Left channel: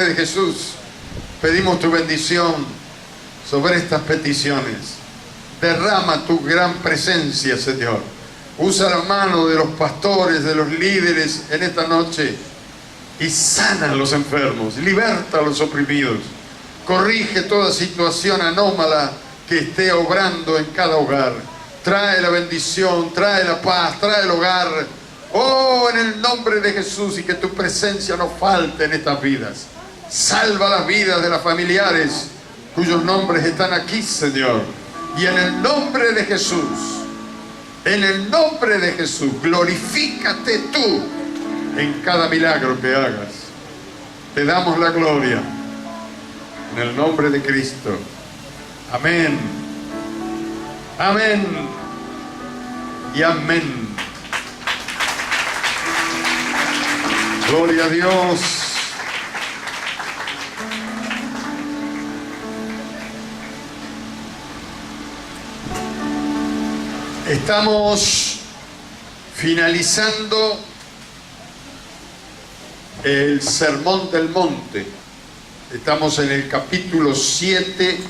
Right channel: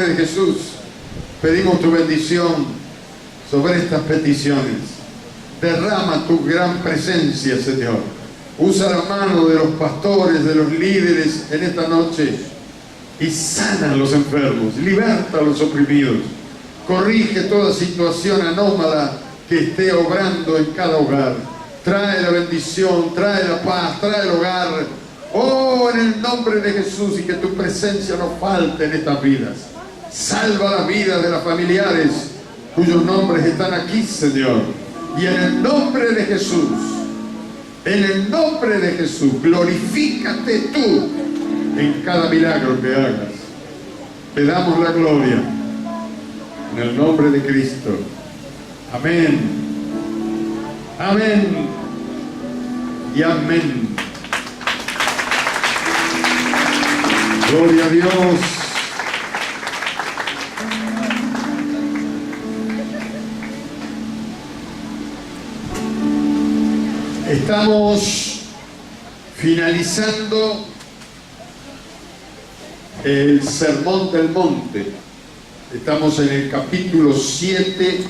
nombre de Jesús, pedimos tu bendición sobre estas peticiones. Derrama tu gran presencia, Señor. Usa la mano de los pastores, de los líderes en esta noche y sana a los enfermos, liberta a los oprimidos, corrige toda situación anómala que esté obrando en cada hogar. Trae la bendición, trae la paz, trae el hogar. Oh, en el nombre de Jesús, y que tu presencia no falte en estas vidas. Salva las vidas de las familiares cuyos nombres están aquí, Señor. Y en el nombre de Jesús, en el nombre de Jesús, glorifícate tú en cada milagro que hagas. Te damos la gloria en el nombre de Cristo. Amén. Amén. Y amén. Gloria a Dios. Estamos finalizando el Sermón del Monte. Estamos en el capítulo 7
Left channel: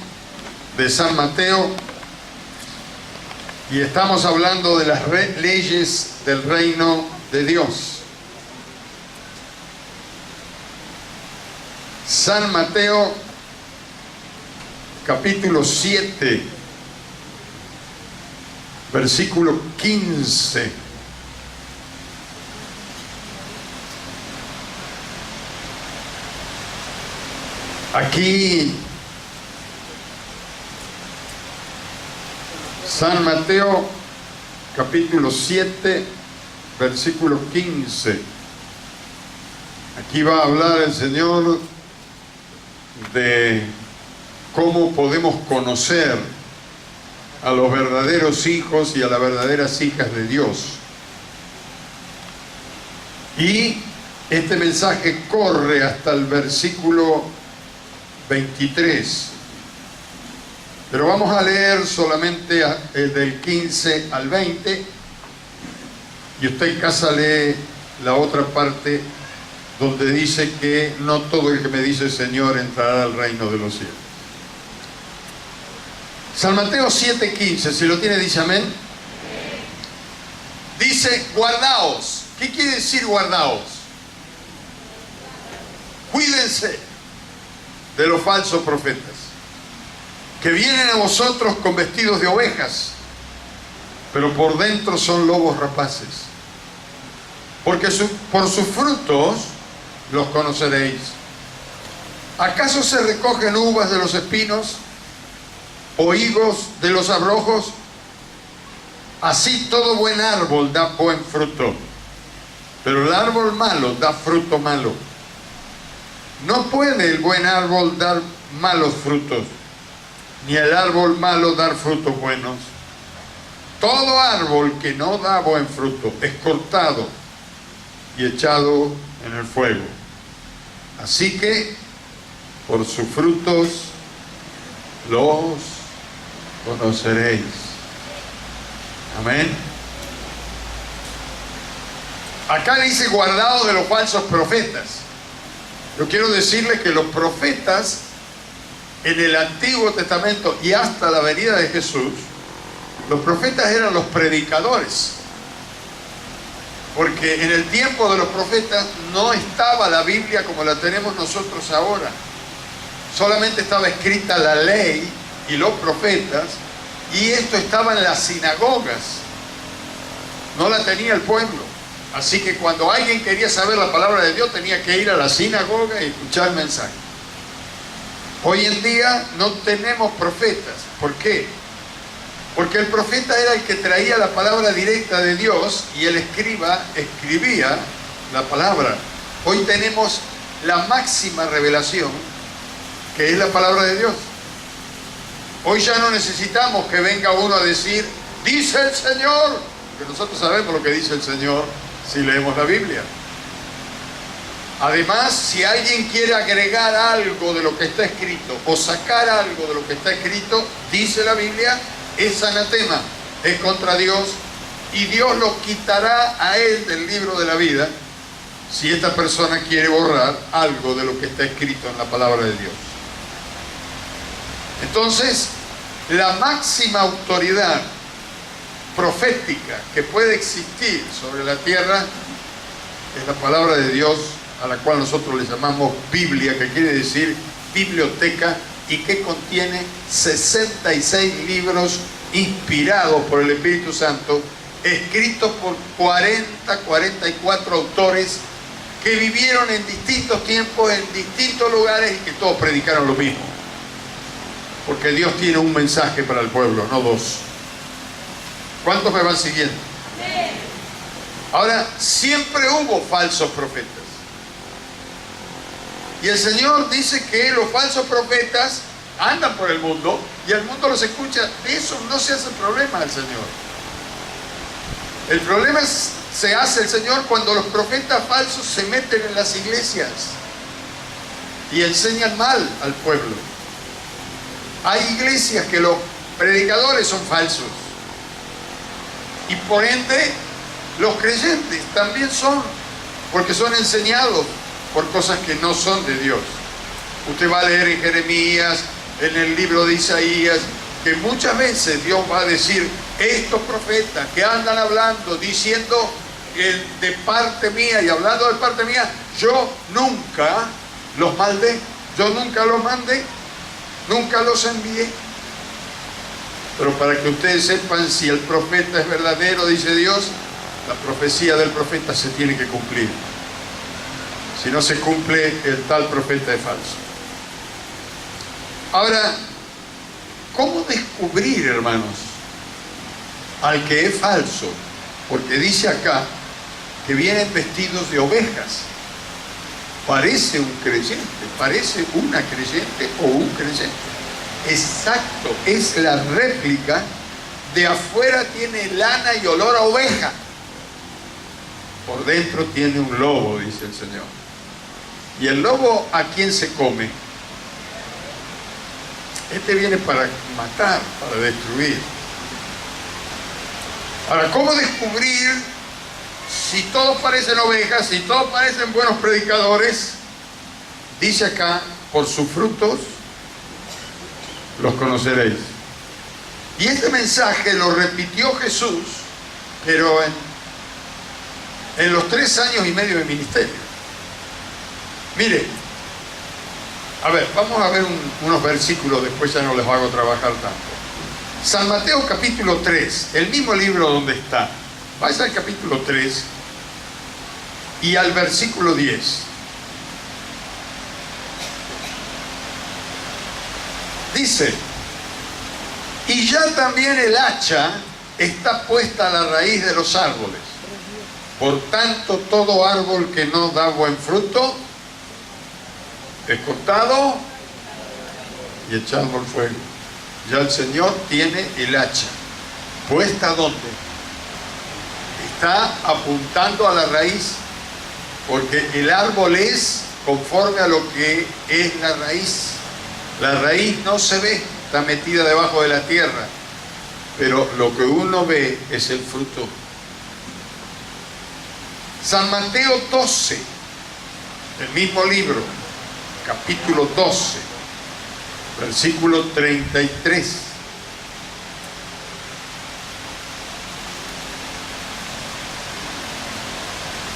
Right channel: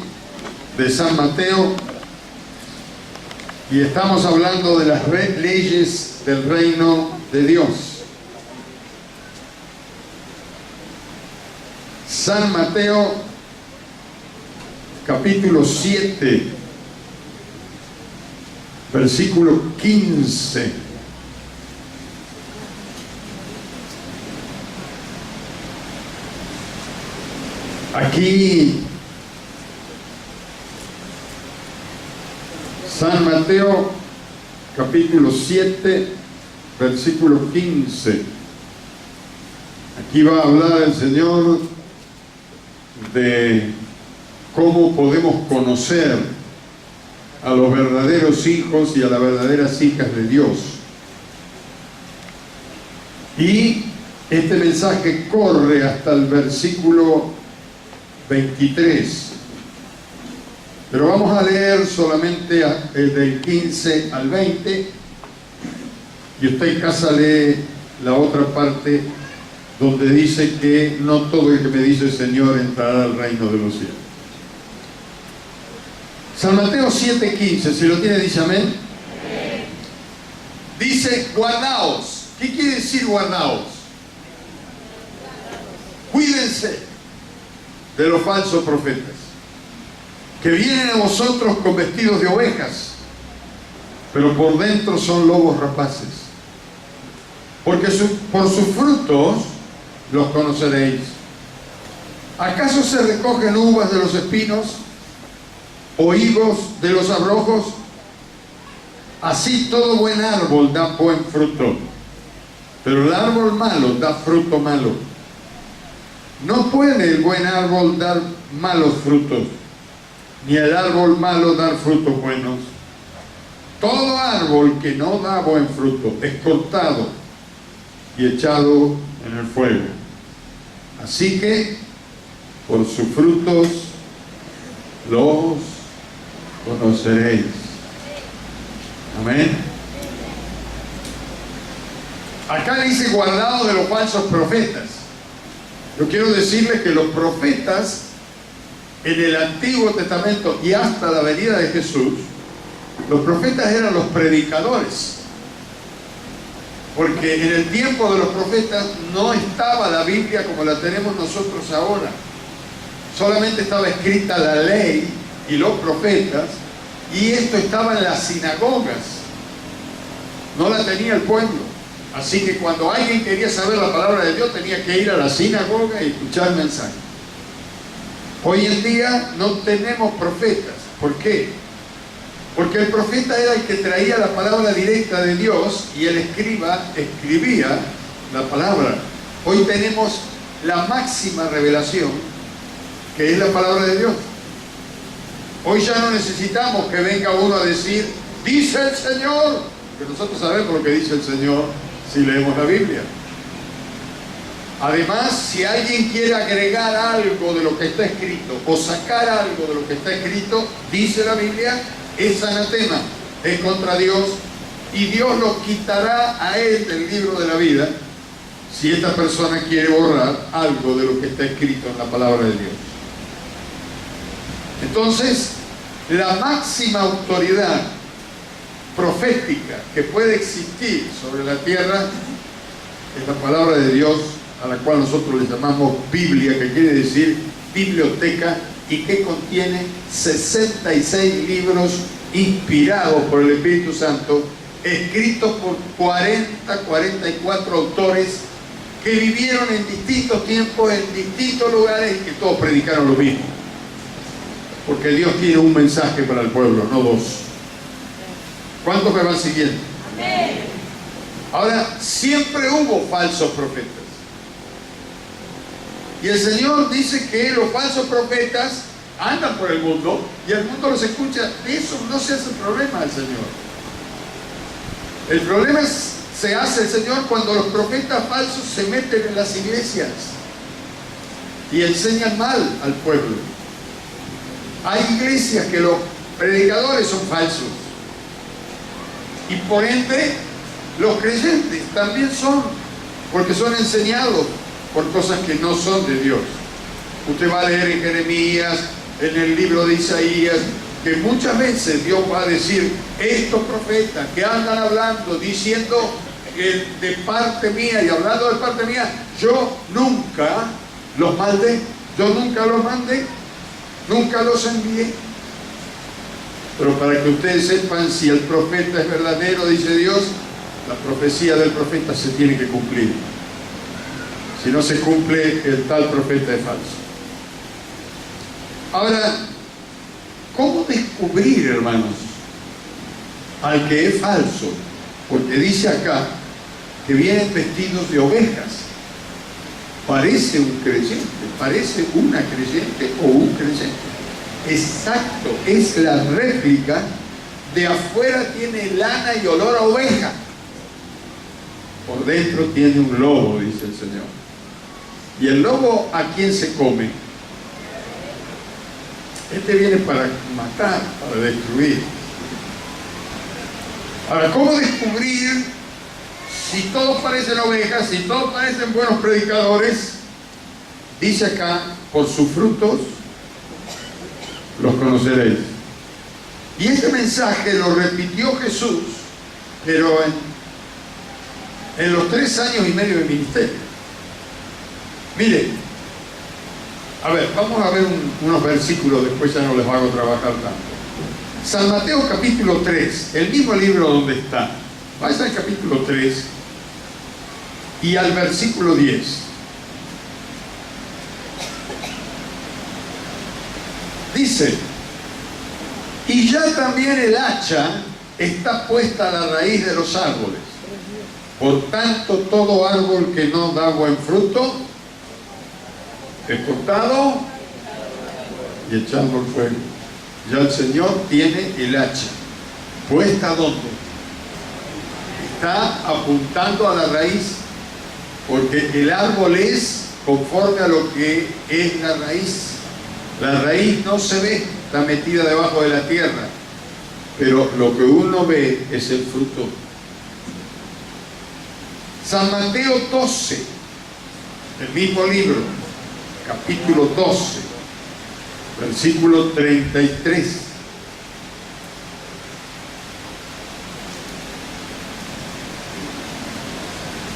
de San Mateo y estamos hablando de las leyes del reino de Dios. San Mateo, capítulo 7, versículo 15. Aquí, San Mateo, capítulo 7, versículo 15. Aquí va a hablar el Señor de cómo podemos conocer a los verdaderos hijos y a las verdaderas hijas de Dios. Y este mensaje corre hasta el versículo 23. Pero vamos a leer solamente del 15 al 20. Y usted en casa lee la otra parte donde dice que no todo el que me dice Señor entrará al reino de los cielos. San Mateo 7:15, si lo tiene dice amén. Dice, guardaos. ¿Qué quiere decir guardaos? Cuídense de los falsos profetas, que vienen a vosotros con vestidos de ovejas, pero por dentro son lobos rapaces. Porque por sus frutos los conoceréis. ¿Acaso se recogen uvas de los espinos o higos de los abrojos? Así todo buen árbol da buen fruto, pero el árbol malo da fruto malo. No puede el buen árbol dar malos frutos, ni el árbol malo dar frutos buenos. Todo árbol que no da buen fruto es cortado y echado en el fuego. Así que por sus frutos los conoceréis. Amén. Acá dice guardado de los falsos profetas. Yo quiero decirles que los profetas en el Antiguo Testamento y hasta la venida de Jesús, los profetas eran los predicadores. Porque en el tiempo de los profetas no estaba la Biblia como la tenemos nosotros ahora. Solamente estaba escrita la ley y los profetas, y esto estaba en las sinagogas. No la tenía el pueblo. Así que cuando alguien quería saber la palabra de Dios, tenía que ir a la sinagoga y escuchar el mensaje. Hoy en día no tenemos profetas. ¿Por qué? Porque el profeta era el que traía la palabra directa de Dios y el escriba escribía la palabra. Hoy tenemos la máxima revelación, que es la palabra de Dios. Hoy ya no necesitamos que venga uno a decir, dice el Señor, que nosotros sabemos lo que dice el Señor si leemos la Biblia. Además, si alguien quiere agregar algo de lo que está escrito o sacar algo de lo que está escrito, dice la Biblia, es anatema, es contra Dios, y Dios lo quitará a él del libro de la vida si esta persona quiere borrar algo de lo que está escrito en la palabra de Dios. Entonces, la máxima autoridad profética que puede existir sobre la tierra es la palabra de Dios, a la cual nosotros le llamamos Biblia, que quiere decir biblioteca, y que contiene 66 libros inspirados por el Espíritu Santo, escritos por 44 autores que vivieron en distintos tiempos, en distintos lugares, y que todos predicaron lo mismo. Porque Dios tiene un mensaje para el pueblo, no dos. ¿Cuántos me van siguiendo? Amén. Ahora, siempre hubo falsos profetas. Y el Señor dice que los falsos profetas andan por el mundo y el mundo los escucha. De eso no se hace problema al Señor. El problema se hace el Señor cuando los profetas falsos se meten en las iglesias y enseñan mal al pueblo. Hay iglesias que los predicadores son falsos y por ende los creyentes también son, porque son enseñados por cosas que no son de Dios. Usted va a leer en Jeremías, en el libro de Isaías, que muchas veces Dios va a decir, estos profetas que andan hablando, diciendo de parte mía y hablando de parte mía, yo nunca los maldé, yo nunca los mandé, nunca los envié. Pero para que ustedes sepan si el profeta es verdadero, dice Dios, la profecía del profeta se tiene que cumplir. Si no se cumple, el tal profeta es falso. Ahora, ¿cómo descubrir, hermanos, al que es falso? Porque dice acá que vienen vestidos de ovejas. Parece un creyente, parece una creyente o un creyente. Exacto, es la réplica. De afuera tiene lana y olor a oveja. Por dentro tiene un lobo, dice el Señor. ¿Y el lobo a quién se come? Este viene para matar, para destruir. Ahora, ¿cómo descubrir si todos parecen ovejas, si todos parecen buenos predicadores? Dice acá, por sus frutos los conoceréis. Y este mensaje lo repitió Jesús, pero en los 3 años y medio de ministerio. Mire, a ver, vamos a ver unos versículos, después ya no les hago trabajar tanto. San Mateo capítulo 3, el mismo libro donde está. Vaya al capítulo 3 y al versículo 10. Dice, y ya también el hacha está puesta a la raíz de los árboles. Por tanto, todo árbol que no da buen fruto es cortado y echado al fuego. Ya el Señor tiene el hacha. ¿Puesta dónde? Está apuntando a la raíz, porque el árbol es conforme a lo que es la raíz. La raíz no se ve, está metida debajo de la tierra, pero lo que uno ve es el fruto. San Mateo 12, el mismo libro, capítulo 12, versículo 33.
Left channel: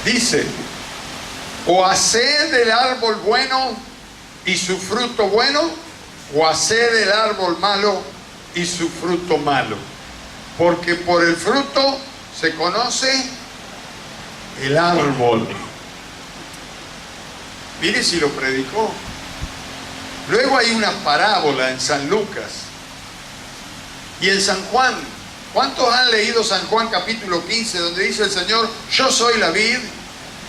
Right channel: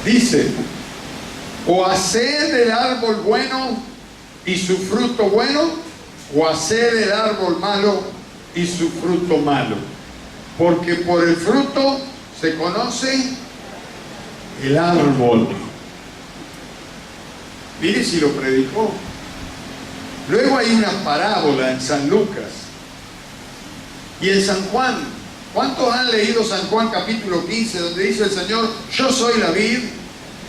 Dice, o haced del árbol bueno y su fruto bueno, o haced del árbol malo y su fruto malo. Porque por el fruto se conoce el árbol. Mire si lo predicó. Luego hay una parábola en San Lucas y en San Juan. ¿Cuántos han leído San Juan capítulo 15, donde dice el Señor, yo soy la vid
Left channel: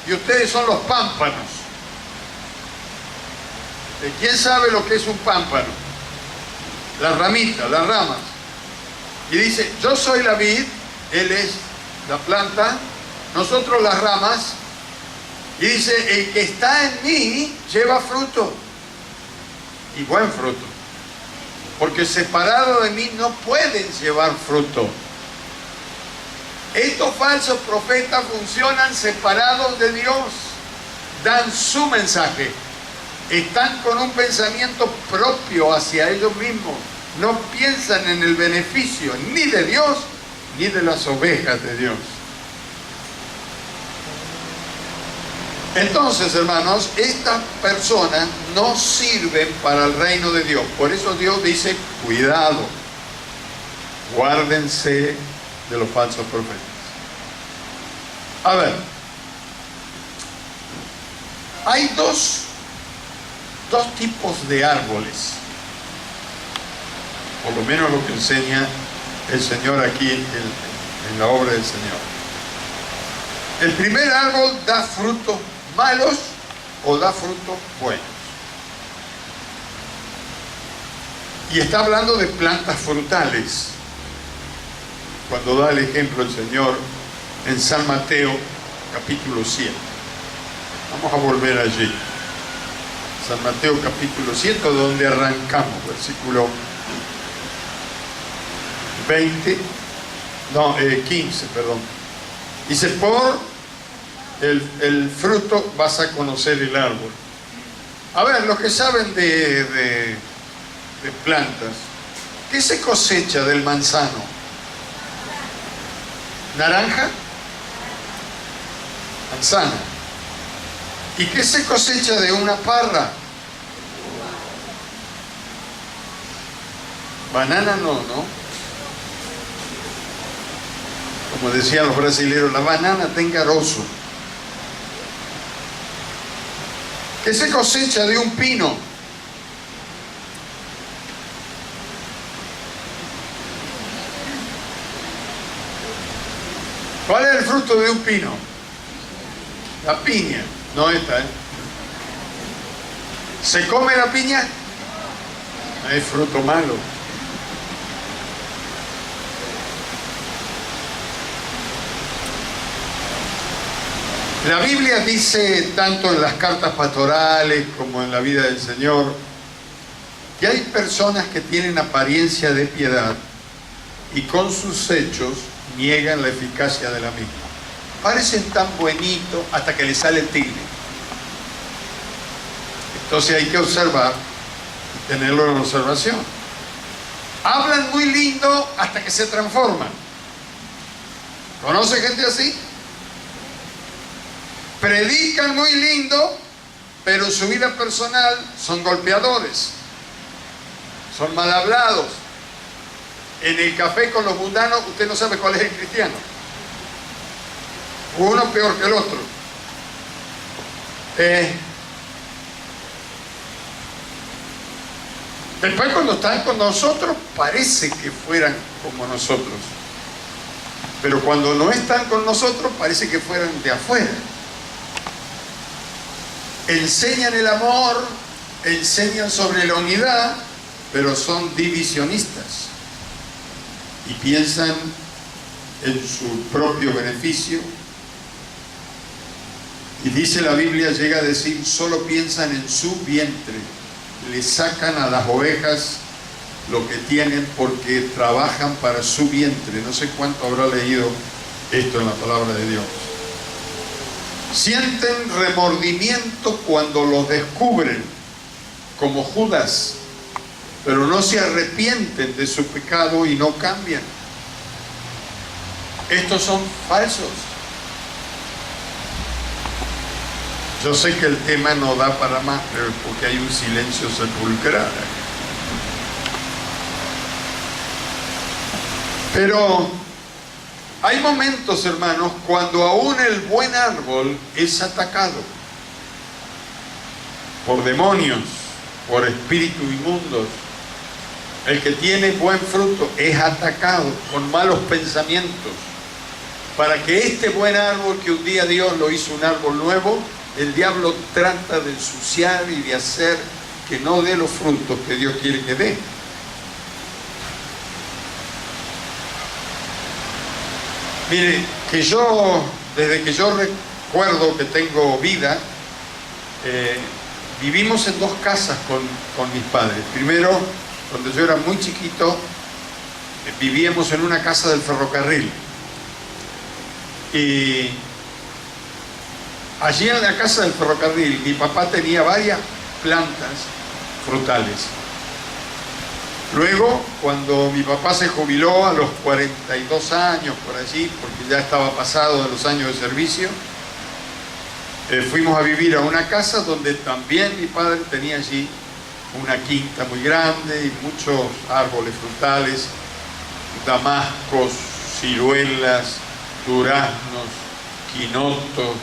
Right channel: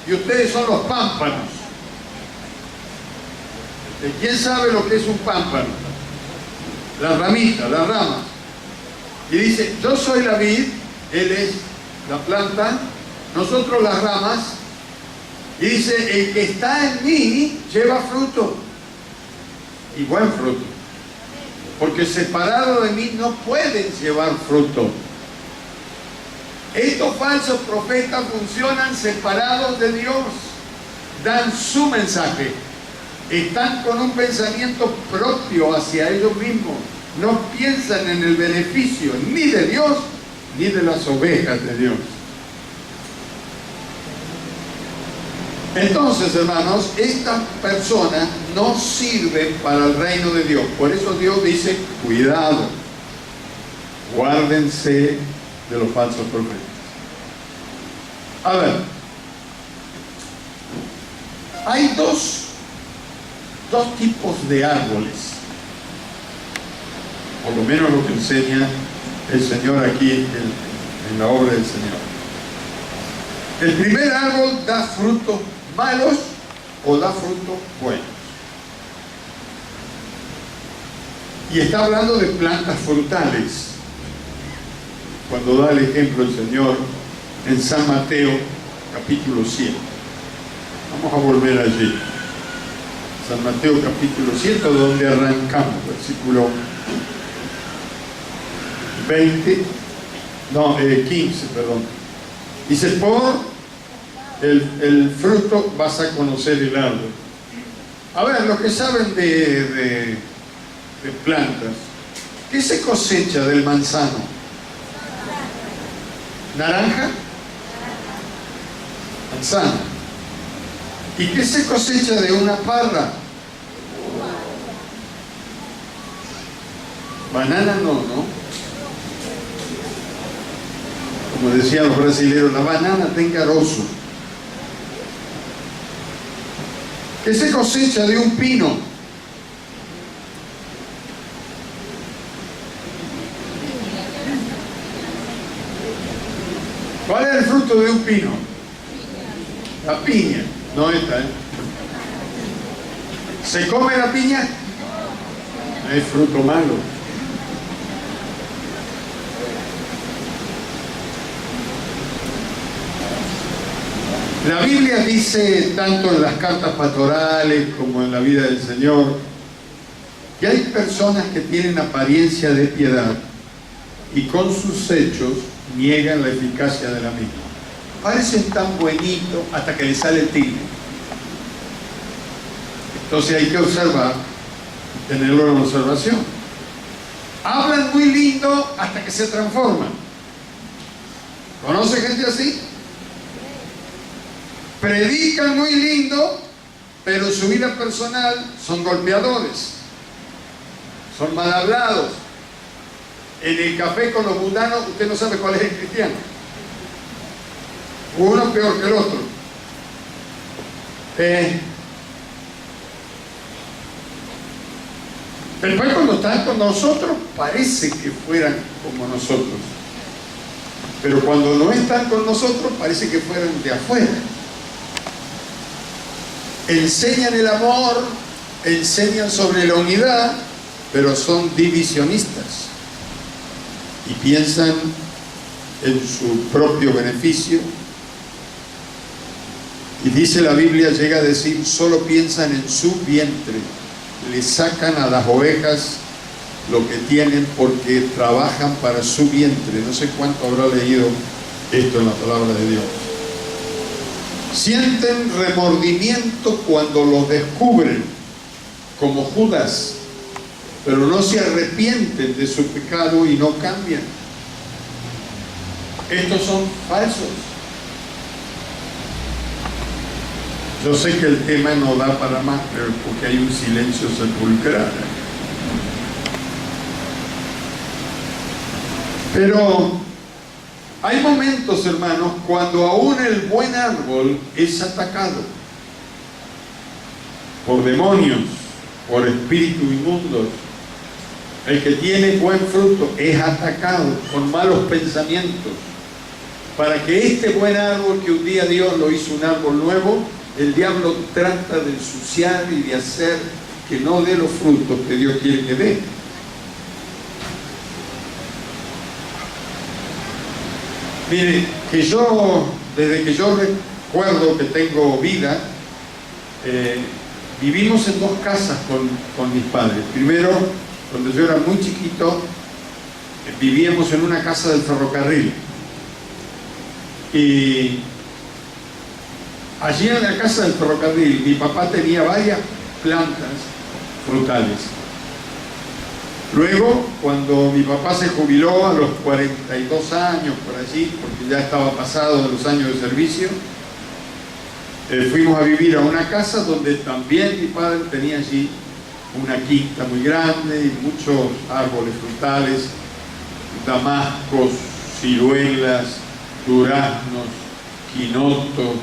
y ustedes son los pámpanos? ¿Quién sabe lo que es un pámpano? Las ramitas, las ramas. Y dice, yo soy la vid, Él es la planta, nosotros las ramas. Y dice, el que está en mí lleva fruto, y buen fruto, porque separado de mí no pueden llevar fruto. Estos falsos profetas funcionan separados de Dios. dan su mensaje, están con un pensamiento propio hacia ellos mismos, no piensan en el beneficio ni de Dios ni de las ovejas de Dios. Entonces, hermanos, estas personas no sirven para el reino de Dios. Por eso Dios dice, cuidado, guárdense de los falsos profetas. A ver, hay dos tipos de árboles, por lo menos lo que enseña el Señor aquí en la obra del Señor. El primer árbol da frutos malos o da frutos buenos. Y está hablando de plantas frutales. Cuando da el ejemplo el Señor en San Mateo, capítulo 7. Vamos a volver allí. San Mateo, capítulo 7, donde arrancamos, versículo 15, perdón. Dice, por el fruto vas a conocer el árbol. A ver, los que saben de plantas, ¿qué se cosecha del manzano? ¿Naranja? Manzana. ¿Y qué se cosecha de una parra? Banana no, ¿no? Como decían los brasileños, la banana está engaroso. ¿Qué se cosecha de un pino? ¿Cuál es el fruto de un pino? La piña. No esta, ¿eh? ¿Se come la piña? Es fruto malo. La Biblia dice, tanto en las cartas pastorales como en la vida del Señor, que hay personas que tienen apariencia de piedad y con sus hechos niegan la eficacia de la misma. Parecen tan bonitos hasta que les sale el tigre. Entonces hay que observar, tenerlo en observación. Hablan muy lindo hasta que se transforman. ¿Conoce gente así? Predican muy lindo, pero en su vida personal son golpeadores, son mal hablados. En el café con los mundanos, usted no sabe cuál es el cristiano. Uno peor que el otro. Después, cuando están con nosotros, parece que fueran como nosotros. Pero cuando no están con nosotros, parece que fueran de afuera. Enseñan el amor, enseñan sobre la unidad, pero son divisionistas y piensan en su propio beneficio. Y dice la Biblia, llega a decir, solo piensan en su vientre, le sacan a las ovejas lo que tienen porque trabajan para su vientre. No sé cuánto habrá leído esto en la palabra de Dios. Sienten remordimiento cuando los descubren, como Judas, pero no se arrepienten de su pecado y no cambian. Estos son falsos. Yo sé que el tema no da para más, pero porque hay un silencio sepulcral. Pero hay momentos, hermanos, cuando aún el buen árbol es atacado por demonios, por espíritus inmundos. El que tiene buen fruto es atacado con malos pensamientos. Para que este buen árbol, que un día Dios lo hizo un árbol nuevo, el diablo trata de ensuciar y de hacer que no dé los frutos que Dios quiere que dé. Mire, que yo, desde que yo recuerdo que tengo vida, vivimos en dos casas con mis padres. Primero, cuando yo era muy chiquito, vivíamos en una casa del ferrocarril. Y Allí en la casa del ferrocarril, mi papá tenía varias plantas frutales. Luego, cuando mi papá se jubiló a los 42 años, por allí, porque ya estaba pasado de los años de servicio, fuimos a vivir a una casa donde también mi padre tenía allí una quinta muy grande y muchos árboles frutales, damascos, ciruelas, duraznos, quinoto,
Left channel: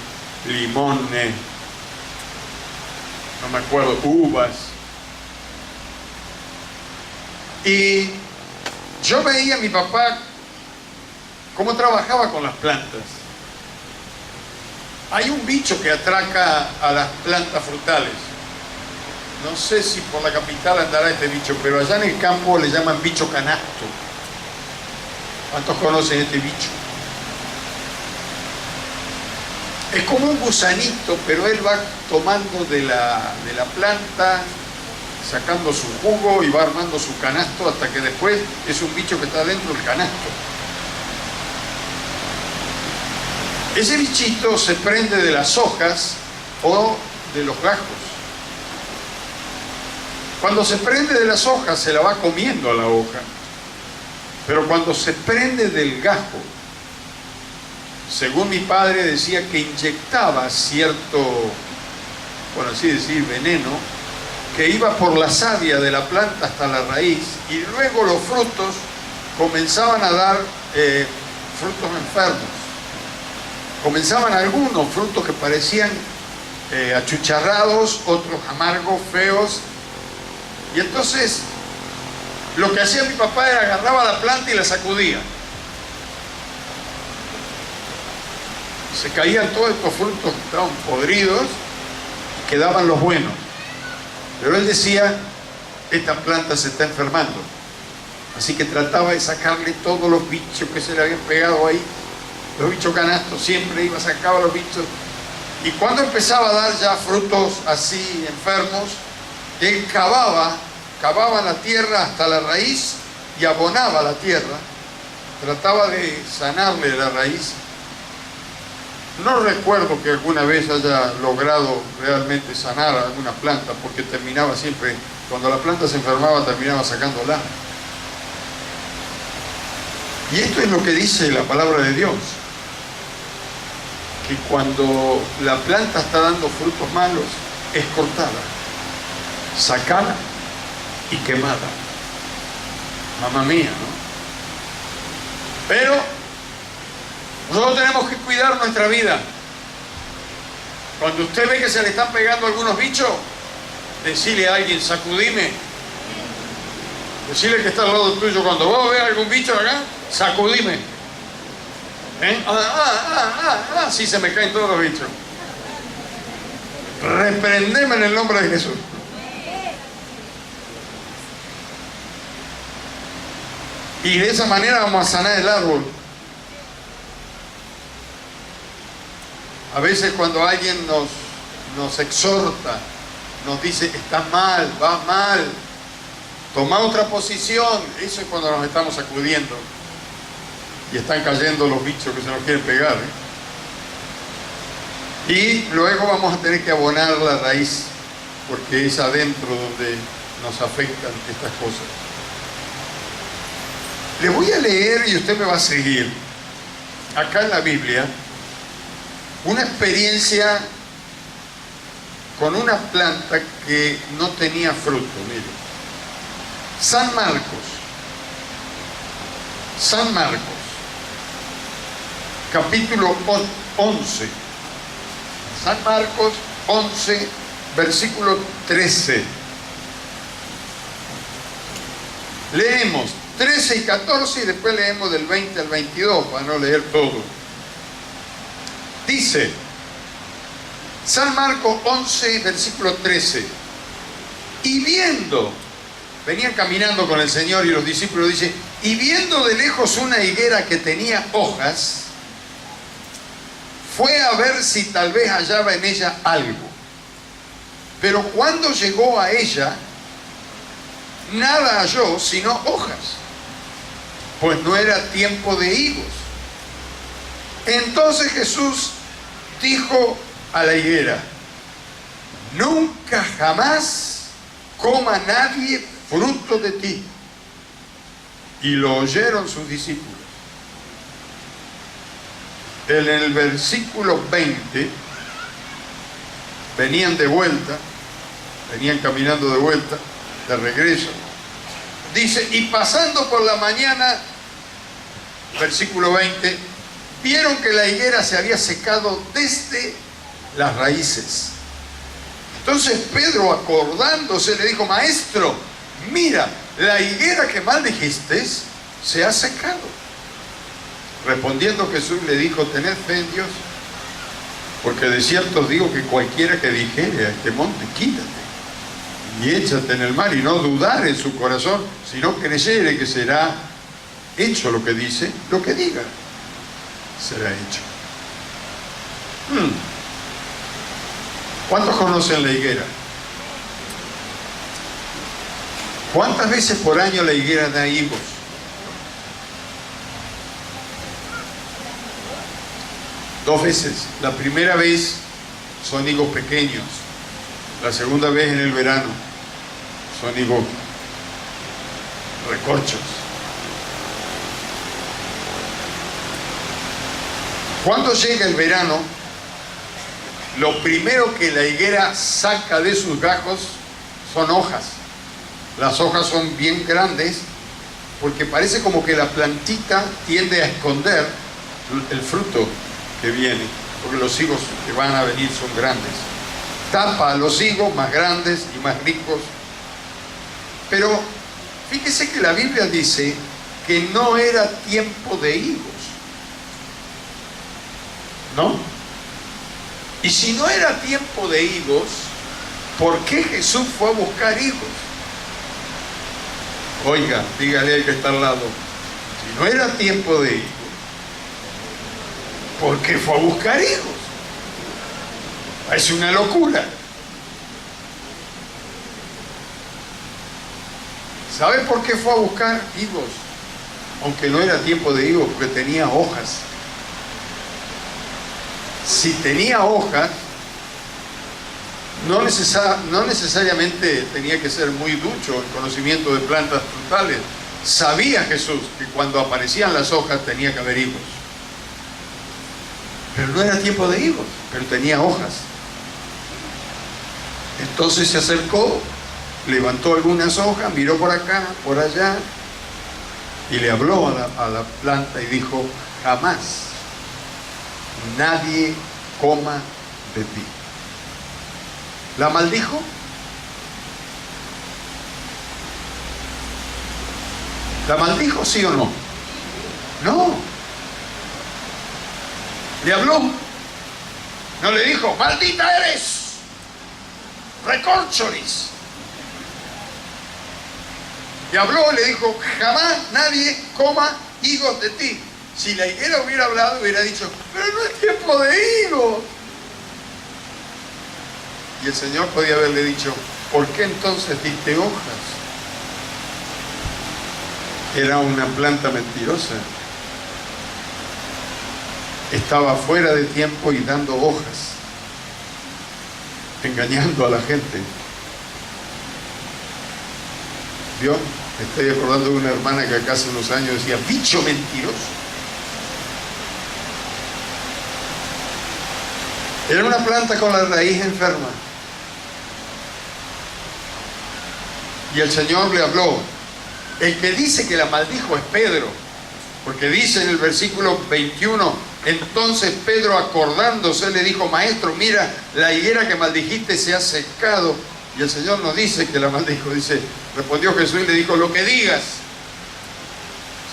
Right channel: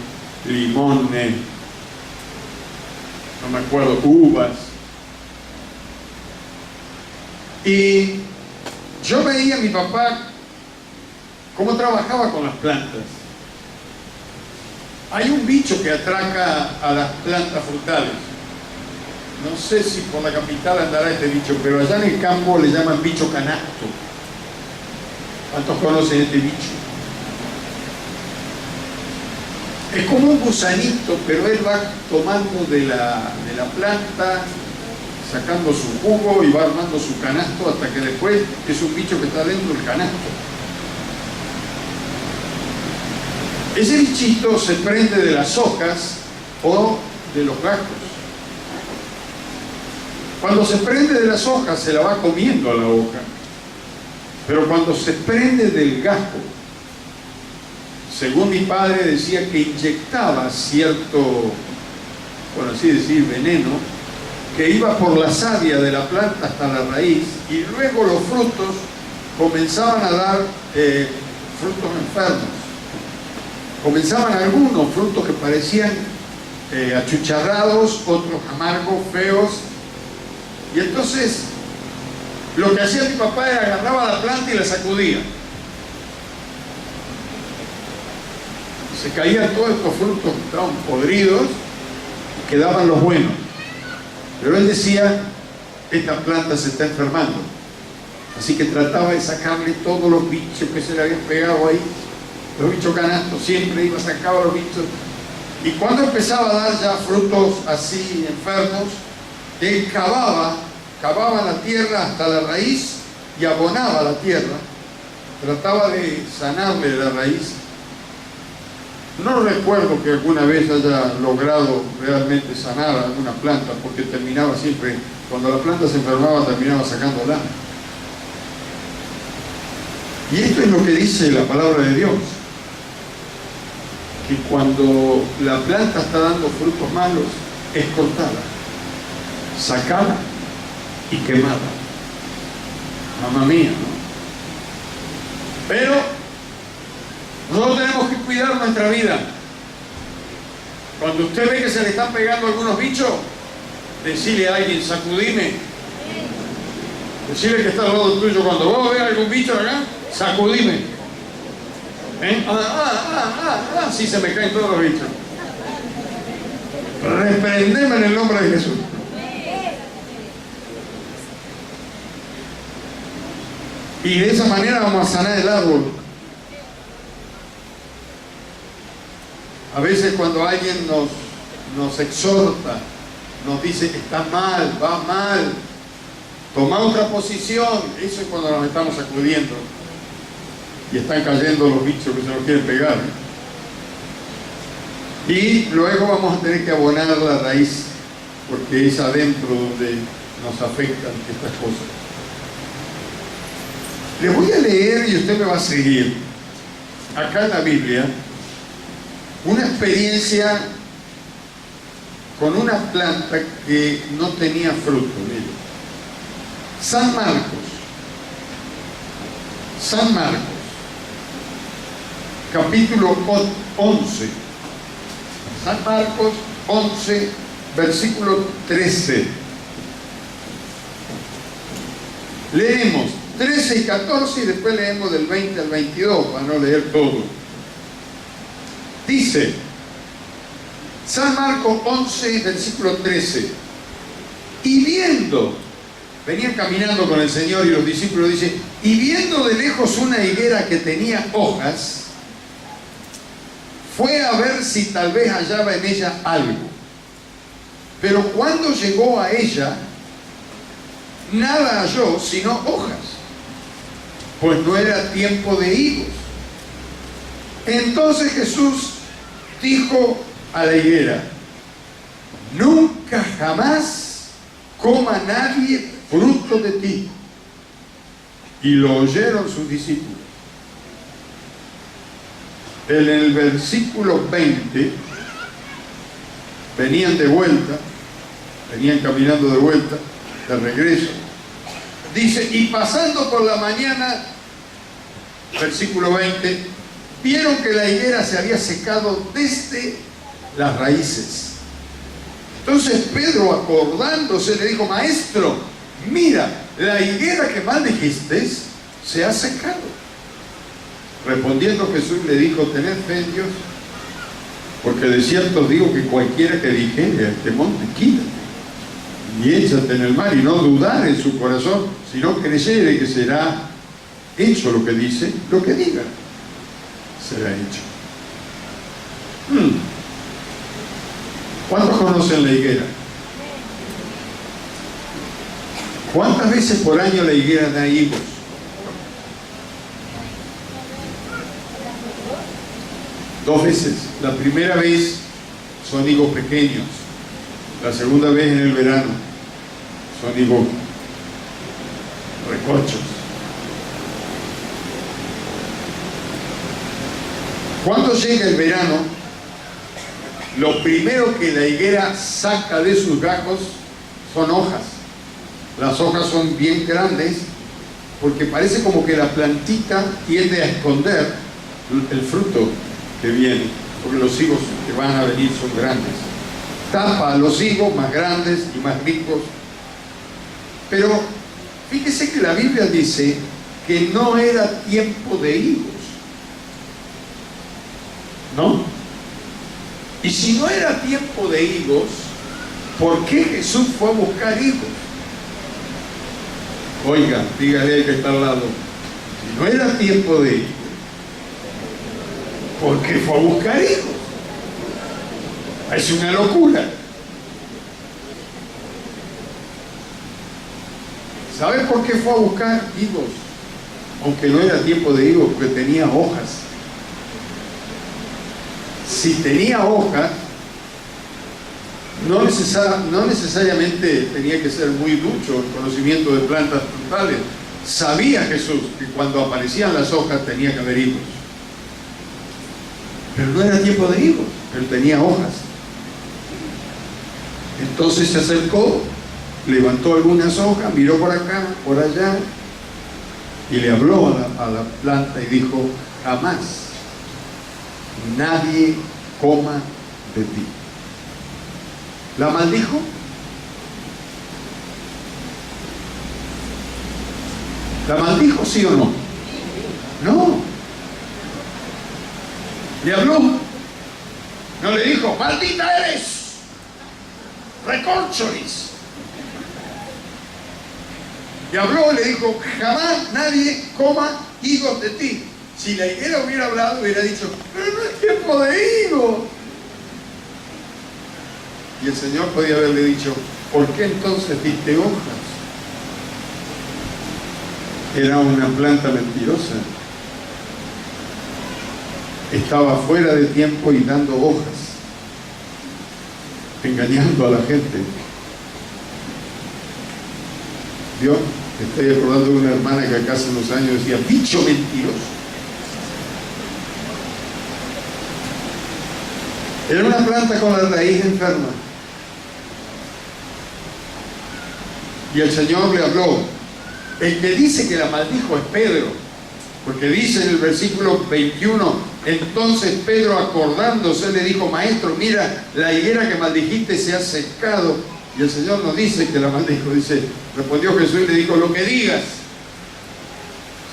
limones, no me acuerdo, uvas. Y yo veía a mi papá cómo trabajaba con las plantas. Hay un bicho que atraca a las plantas frutales. No sé si por la capital andará este bicho, pero allá en el campo le llaman bicho canasto. ¿Cuántos conocen este bicho? Es como un gusanito, pero él va tomando de la planta, sacando su jugo y va armando su canasto hasta que después es un bicho que está dentro del canasto. Ese bichito se prende de las hojas o de los gajos. Cuando se prende de las hojas se la va comiendo a la hoja, pero cuando se prende del gajo, según mi padre decía que inyectaba cierto, por así decir, veneno, que iba por la savia de la planta hasta la raíz, y luego los frutos comenzaban a dar frutos enfermos. Comenzaban algunos frutos que parecían achucharrados, otros amargos, feos, y entonces lo que hacía mi papá era agarraba la planta y la sacudía. Se caían todos estos frutos que estaban podridos y quedaban los buenos. Pero él decía, esta planta se está enfermando. Así que trataba de sacarle todos los bichos que se le habían pegado ahí. Los bichos canastos, siempre iba, sacaba los bichos. Y cuando empezaba a dar ya frutos así enfermos, él cavaba la tierra hasta la raíz y abonaba la tierra. Trataba de sanarle la raíz. No recuerdo que alguna vez haya logrado realmente sanar alguna planta, porque terminaba siempre, cuando la planta se enfermaba, terminaba sacándola. Y esto es lo que dice la palabra de Dios, que cuando la planta está dando frutos malos, es cortada, sacada y quemada. Mamma mía, ¿no? Pero nosotros tenemos que cuidar nuestra vida. Cuando usted ve que se le están pegando algunos bichos, decirle a alguien, sacudime. Decirle que está al lado tuyo, cuando vos veas algún bicho acá, sacudime. Sí, se me caen todos los bichos. Reprendeme en el nombre de Jesús. Y de esa manera vamos a sanar el árbol. A veces cuando alguien nos exhorta, nos dice, estás mal, va mal, toma otra posición, eso es cuando nos estamos sacudiendo y están cayendo los bichos que se nos quieren pegar. Y luego vamos a tener que abonar la raíz, porque es adentro donde nos afectan estas cosas. Les voy a leer y usted me va a seguir. Acá en la Biblia, una experiencia con una planta que no tenía fruto. Miren. San Marcos, capítulo 11. San Marcos 11, versículo 13. Leemos 13 y 14 y después leemos del 20 al 22 para no leer todo. Dice, San Marcos 11, versículo 13, y viendo, venían caminando con el Señor y los discípulos, dice, y viendo de lejos una higuera que tenía hojas, fue a ver si tal vez hallaba en ella algo. Pero cuando llegó a ella, nada halló sino hojas, pues no era tiempo de higos. Entonces Jesús dijo a la higuera: nunca jamás coma nadie fruto de ti. Y lo oyeron sus discípulos. En el versículo 20, venían caminando de vuelta, de regreso. Dice: y pasando por la mañana, versículo 20, vieron que la higuera se había secado desde las raíces. Entonces Pedro, acordándose, le dijo: maestro, mira, la higuera que maldijiste se ha secado. Respondiendo Jesús le dijo: tened fe en Dios, porque de cierto os digo que cualquiera que dijere a este monte: quítate y échate en el mar, y no dudar en su corazón, sino creyere que será hecho lo que dice, lo que diga será hecho. ¿Cuántos conocen la higuera? ¿Cuántas veces por año la higuera da higos? Dos veces. La primera vez son higos pequeños. La segunda vez en el verano son higos recorchos. Cuando llega el verano, lo primero que la higuera saca de sus gajos son hojas. Las hojas son bien grandes porque parece como que la plantita tiende a esconder el fruto que viene, porque los higos que van a venir son grandes. Tapa a los higos más grandes y más ricos. Pero fíjese que la Biblia dice que no era tiempo de higos, ¿no? Y si no era tiempo de higos, ¿por qué Jesús fue a buscar higos? Oiga, dígale al que está al lado: si no era tiempo de higos, ¿por qué fue a buscar higos? Es una locura. ¿Sabe por qué fue a buscar higos? Aunque no era tiempo de higos, porque tenía hojas. Si tenía hojas, no necesariamente tenía que ser muy ducho en conocimiento de plantas frutales. Sabía Jesús que cuando aparecían las hojas tenía que haber higos. Pero no era tiempo de higos, pero tenía hojas. Entonces se acercó, levantó algunas hojas, miró por acá, por allá, y le habló a la planta y dijo: jamás nadie coma de ti. ¿La maldijo? ¿La maldijo, sí o no? No. Le habló. No le dijo: maldita eres, recorcholis. Le habló, le dijo: jamás nadie coma higos de ti. Si la higuera hubiera hablado, hubiera dicho: pero no es tiempo de higos. Y el Señor podía haberle dicho: ¿por qué entonces diste hojas? Era una planta mentirosa. Estaba fuera de tiempo y dando hojas, engañando a la gente. ¿Vio? Estoy acordando de una hermana que acá hace unos años decía: bicho mentiroso. Era una planta con la raíz enferma. Y el Señor le habló. El que dice que la maldijo es Pedro, porque dice en el versículo 21: entonces Pedro, acordándose, le dijo: maestro, mira, la higuera que maldijiste se ha secado. Y el Señor no dice que la maldijo, dice: respondió Jesús y le dijo: lo que digas.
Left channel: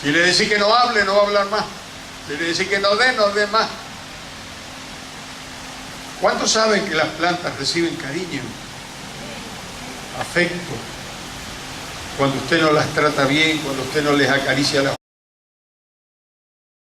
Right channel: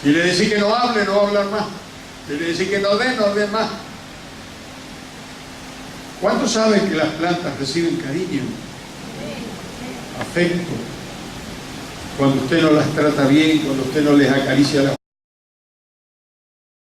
Si le decís que no hable, no va a hablar más. Si le decís que no dé más. ¿Cuántos saben que las plantas reciben cariño, afecto? Cuando usted no las trata bien, cuando usted no les acaricia las